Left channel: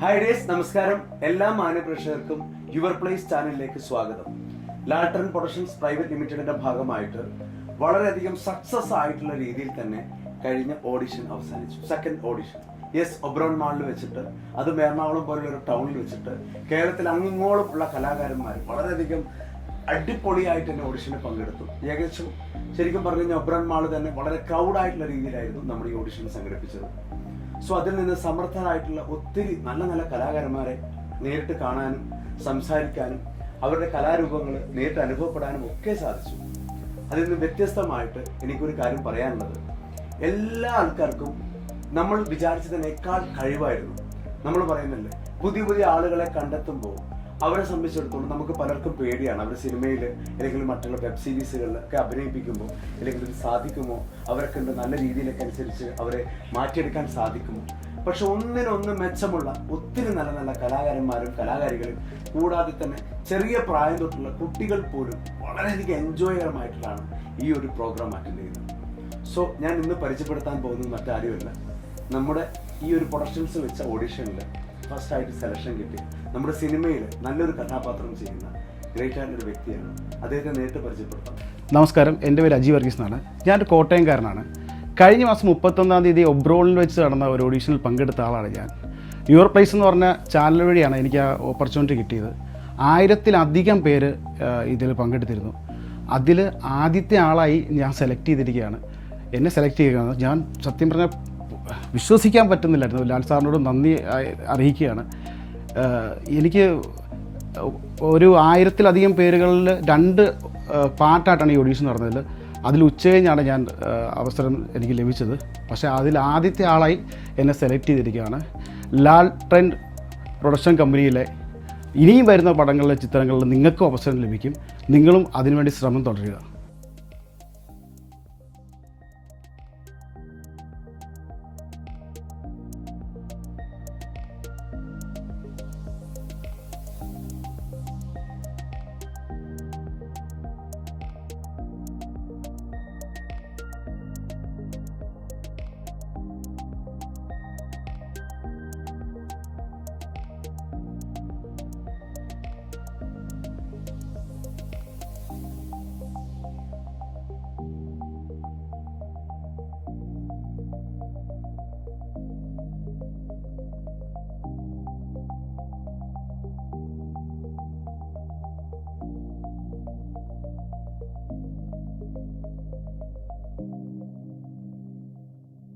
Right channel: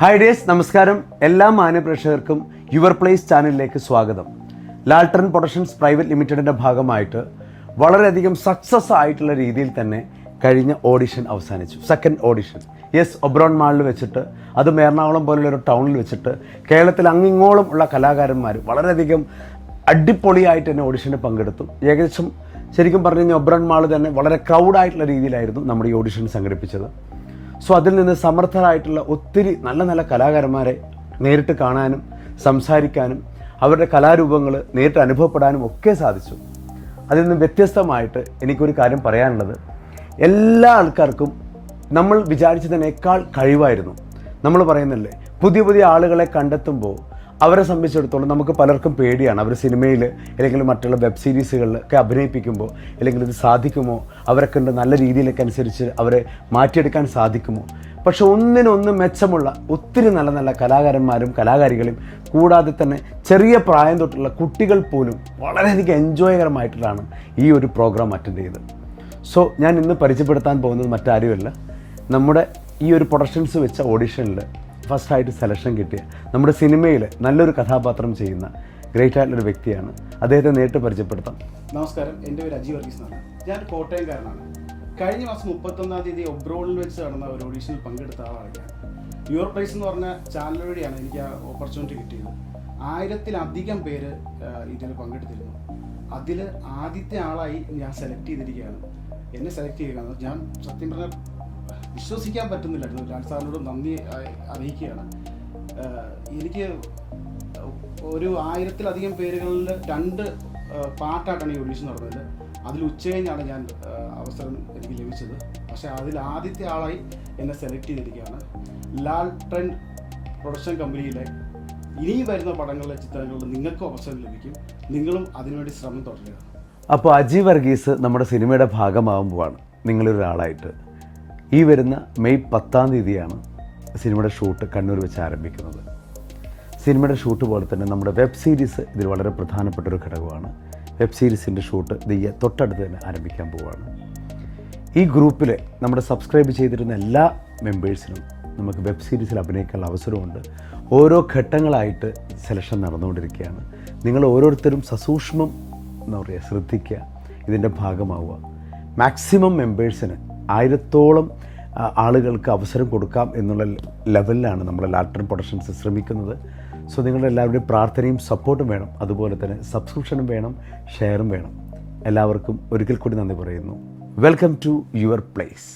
Hi days, നമസ്കാരം. എല്ലാ മാന്യപ്രേക്ഷകർക്കും your place ചാനലിലേക്ക് സ്വാഗതം. ലാൽട്ടൺ പ്രൊഡക്ഷൻസ് പ്രൈവറ്റ് ലിമിറ്റഡിൻ്റെ ഭാഗമായിട്ട് വളരെയധികം സക്സസ് ആയിട്ടുള്ള രീതിയിൽ തന്നെ കഴിഞ്ഞ ഓഡിഷൻ അവസാനിച്ചു. സെക്കൻഡ് ഓഡിഷൻ ഒബ്രോൺ മാളിൽ വെച്ചിട്ട്, അതും എറണാകുളം പോലുള്ള ഒരു ടൗണിൽ വെച്ചിട്ട് കേരളത്തിൽ അങ്ങിങ്ങോളം ഉള്ള കലാകാരന്മാർ വളരെയധികം അടിപൊളിയായിട്ട് തന്നെ ഓഡിഷന് പങ്കെടുത്തു. ഏകദേശം ശരിക്കും പറഞ്ഞു കഴിഞ്ഞാൽ ഒബ്രോൺ മാൾ തന്നെ വളരെ ക്രൗഡായിട്ടുള്ള രീതിയിലായിരുന്നു നമ്മുടെ ഈ ഓഡിഷൻ സംഘടിപ്പിച്ചത്. സോ അതിൽ നിന്ന് സമർത്ഥരായിട്ടുള്ള ഒത്തിരി നല്ല നല്ല കലാകാരന്മാരെ നേരിട്ട് കാണാനും സംസാരിക്കാനും അവരുടെ കലാരൂപങ്ങൾ നേരിട്ട് അനുഭവപ്പെടാനും ഒക്കെ സാധിച്ചു. അതിൽ നിന്ന് വ്യത്യസ്തമായിട്ട് എനിക്കൊരു കാര്യം പറയാനുള്ളത്, എല്ലാ ആൾക്കാർക്കും നമ്മൾ വിചാരിച്ചതിനേക്കാൾ കഴിവായിരുന്നു. നമ്മൾ പറയുന്നില്ലേ, പുതിയ പുതിയ ആളുകളെ കണ്ടെത്തുമ്പോൾ അവരെ സംബന്ധിച്ചിടത്തോളം നമുക്ക് പലർക്കും പേടിയാണ്. അവർ സിനിമയിൽ അല്ലെങ്കിൽ മറ്റുള്ള വെബ് സീരീസുകളിലൊക്കെ അഭിനയിപ്പിക്കുമ്പോൾ അല്ലെങ്കിൽ ഇത് സാധിക്കുമോ, അവരെ കണ്ട് നല്ല രീതിയിലൊക്കെ അനുസരിച്ച് അവരെ മാറ്റിയെടുക്കാൻ സാധിക്കുമോ. പക്ഷെ ഒന്നിനൊന്ന് മെച്ചമുള്ള ഒത്തിരി നല്ല നല്ല കലാകാരന്മാരും കലാകാരികളും കൂടാതെ തന്നെ ചെറിയ പ്രായം തൊട്ടുള്ള കുട്ടികൾ പോലും വളരെയധികം എൻജോയകരമായിട്ടാണ് ഈ ഒരു പ്രോഗ്രാം അറ്റൻഡ് ചെയ്തത്. സോ ഞാൻ ഇന്ന് പരിചയപ്പെടുത്താൻ പോകുന്നത് മറ്റാരുമല്ല, നമ്മുടെ ഈ ഒരു പ്രൊഡക്ഷൻസ് വെച്ച ഓഡിഷനിൽ ഫസ്റ്റായിട്ട് സെലക്ഷൻ കിട്ടിയ നമ്മുടെ സിനിമയിൽ നല്ലൊരു കഥാപാത്രം ചെയ്യുന്ന ഗ്രേറ്റ് ആയിട്ടുള്ളൊരു വ്യക്തിയാണ്. അദ്ദേഹത്തെ നേരിട്ട് പരിചയപ്പെടുത്താം. നമസ്കാരം, എൻ്റെ പേര് അജി വർഗീസ് എന്നാണ്. ഞാനൊരു കോട്ടയംകാരനാണ്. കഴിഞ്ഞ മാസം 31-ാം തീയതി ഒബ്രോണിൽ വെച്ച് നടന്ന ഒരു ഓഡീഷനിൽ പങ്കെടുത്ത ആളാണ് ഞാൻ. യുവർ പ്ലേസ് എന്ന് പറഞ്ഞ ചാനൽ വഴിയാണ് എനിക്ക് ആ ഓപ്പർച്യൂണിറ്റി കിട്ടിയത്. 1000-ലധികം പേര് ഇതിൽ പങ്കെടുത്തിരുന്നു. അതിൽ ആദ്യത്തെ ആളായി ഞാൻ സെലക്ട് ചെയ്തിരിക്കുകയാണ്. എന്നെ സെലക്ട് ചെയ്യുകയാണ്. ഞാൻ സത്യം പറഞ്ഞാൽ വിശ്വസിക്കാൻ പറ്റുന്നില്ലായിരുന്നു. ലാൽ സാറിനോട് നന്ദി അറിയിക്കുകയാണ്. എനിക്ക് ഒരു 1000-ലധികം പേരുകളിൽ 2 പാർട്ടായിട്ടാണ് ഈ ഓഡീഷൻ നടന്നത്. അതിൽ ഉച്ചകഴിഞ്ഞാണ് ഞാൻ അവസരം എനിക്ക് ലഭിച്ചത്. പക്ഷേ അതിൽ ആദ്യത്തെ ആളായി എന്നെ സെലക്ട് ചെയ്തിരിക്കുകയാണ്. ലാൽട്ടൺ പ്രൊഡക്ഷൻ കമ്പനിയിലെ ഇനിയും വരുന്ന പടങ്ങളിലെ ചിത്രങ്ങളിൽ നിങ്ങൾക്കും അവസരം ലഭിക്കും. നിങ്ങളും അതിനുവേണ്ടി ശ്രമം തുടരുക. അപ്പോൾ അജി വർഗീസ് നമ്മുടെ സിനിമയുടെ ഭാഗമാകുമ്പോഴാണ് നിങ്ങളൊരാളായിട്ട് ഈ വരുന്ന മെയ് 10-ാം തീയതിയാണ് സിനിമയുടെ ഷൂട്ട് കണ്ണൂർ വെച്ച് ആരംഭിക്കുന്നത്. സിനിമയുടെ ഷൂട്ട് പോലെ തന്നെ നമ്മുടെ വെബ് സീരീസ് ഇതിൽ വളരെ പ്രധാനപ്പെട്ടൊരു ഘടകമാണ്. വെബ് സീരീസിൻ്റെ ഷൂട്ട് തൊട്ടടുത്ത് തന്നെ ആരംഭിക്കാൻ പോവുകയാണ്. ഈ ഗ്രൂപ്പിൽ നമ്മുടെ സബ്സ്ക്രൈബ് ചെയ്തിരുന്ന എല്ലാ മെമ്പേഴ്സിനും നമുക്ക് വെബ് സീരീസിൽ അഭിനയിക്കാനുള്ള അവസരമുണ്ട്. ഓരോ ഘട്ടങ്ങളായിട്ട് സെലക്ഷൻ നടന്നുകൊണ്ടിരിക്കുകയാണ്. നിങ്ങൾ ഓരോരുത്തരും സസൂക്ഷ്മം ശ്രദ്ധിക്കുക, ഇതിൻ്റെ ഭാഗമാവുക. മാക്സിമം മെമ്പേഴ്സിന് 1000-ഓളം ആളുകൾക്ക് അവസരം കൊടുക്കാം എന്നുള്ള ലെവലിലാണ് നമ്മൾ ലാൽട്ടൺ പ്രൊഡക്ഷൻസ് ശ്രമിക്കുന്നത്. സോ നിങ്ങളുടെ എല്ലാവരുടെയും പ്രാർത്ഥനയും സപ്പോർട്ടും വേണം. അതുപോലെ തന്നെ സബ്സ്ക്രിപ്ഷനും വേണം, ഷെയറും വേണം. എല്ലാവർക്കും ഒരിക്കൽ കൂടി നന്ദി പറയുന്നു. Welcome to your place.